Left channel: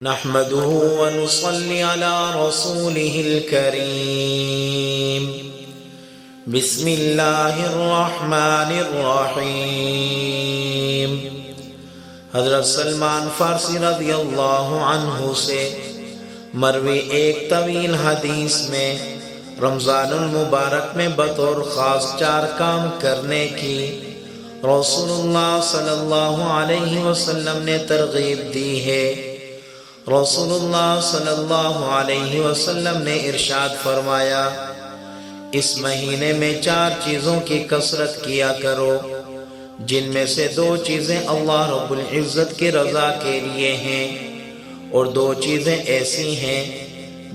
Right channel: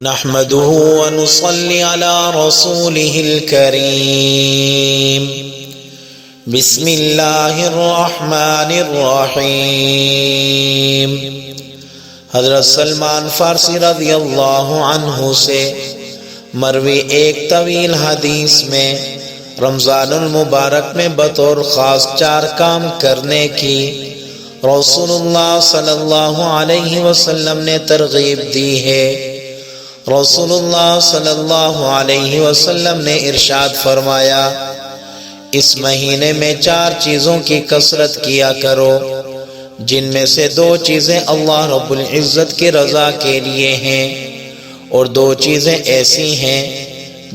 نحمده ونصلي على رسوله الكريم بسم الله الرحمن الرحیم۔ حضرت سلمان فارسی رضی اللہ عنہ سے مروی ایک طویل حدیث میں رمضان المبارک میں بطور خاص 4 کام کرنے کی رسول اللہ صلی اللہ علیہ وسلم نے ترغیب دی ہے۔ رسول اللہ صلی اللہ علیہ وسلم نے ارشاد فرمایا، اس مہینے میں 4 چیزوں کی کثرت کیا کرو، جن میں سے 2 چیزیں اللہ رب العزت کی رضا کے لیے ہیں، اور 2 چیزیں ایسی ہیں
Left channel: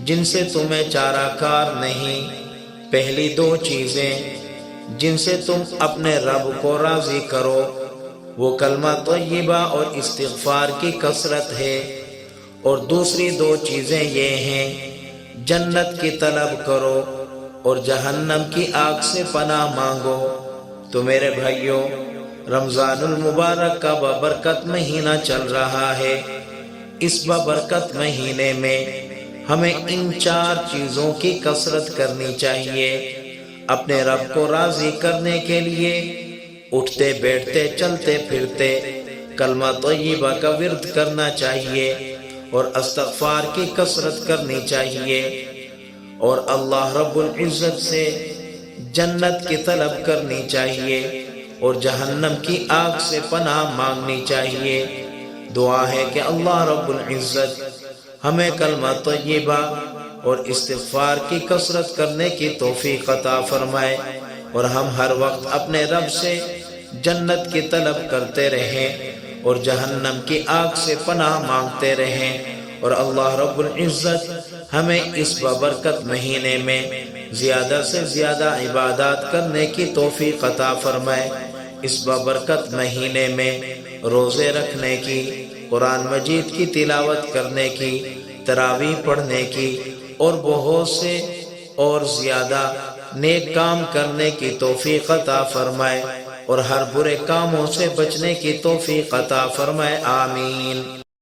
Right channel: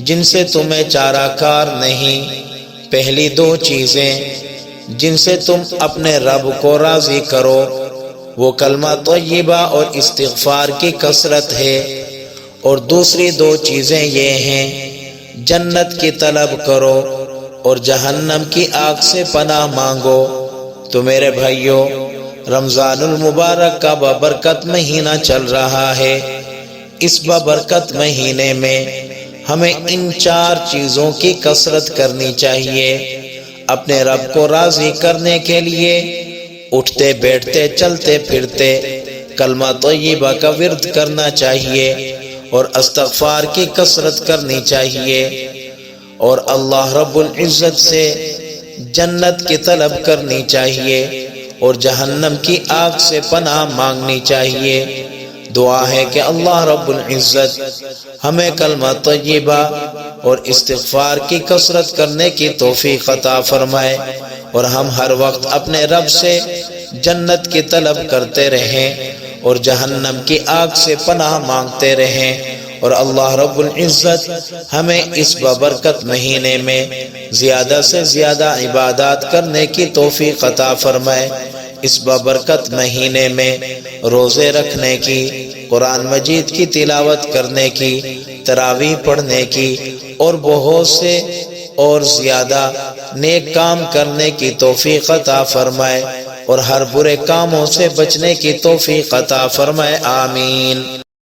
جن سے تمہیں چارہ کار نہیں۔ پہلی 2 چیزیں جن سے تم اپنے رب کو راضی کرو وہ کلمہ طیبہ اور استغفار کی کثرت ہے، اور دوسری 2 چیزیں یہ ہیں، جنت کی طلب کرو اور جہنم کی آگ سے پناہ مانگو۔ تو میرے بھائیو، رمضان المبارک کا بابرکت مہینہ چل رہا ہے۔ اس بابرکت مہینے میں ہمیں ان 4 چیزوں کی کثرت کرنی چاہیے۔ اپنے رب کو راضی کرنے کے لیے اٹھتے بیٹھتے چلتے پھرتے کلمہ طیبہ کا ورد کرنا چاہیے، اور استغفار کی کثرت کرنی چاہیے، اور اللہ رب العزت سے جنت کی طلب کرنی چاہیے، اور جہنم کی آگ سے پناہ مانگنی چاہیے۔ دعا ہے کہ اللہ رب العزت ہمیں کلمہ طیبہ اور استغفار کی کثرت کرنے کی توفیق عطا فرمائے، اور ہم ہر وقت اپنے رب سے جنت کی طلب کرتے رہیں اور جہنم کی آگ سے پناہ مانگتے رہیں، اور اللہ رب العزت ہمیں اس بابرکت مہینے میں زیادہ سے زیادہ عبادات کرنے کی توفیق عطا فرمائے۔ اس بابرکت مہینے میں روزے رکھنے کی، قرآن مجید کی تلاوت کرنے کی، تراویح پڑھنے کی، اور بہت سے اور زیادہ نیک کام کرنے کی توفیق عطا فرمائے، اور ہر برے کاموں سے بچنے کی توفیق عطا فرمائے۔ آمین۔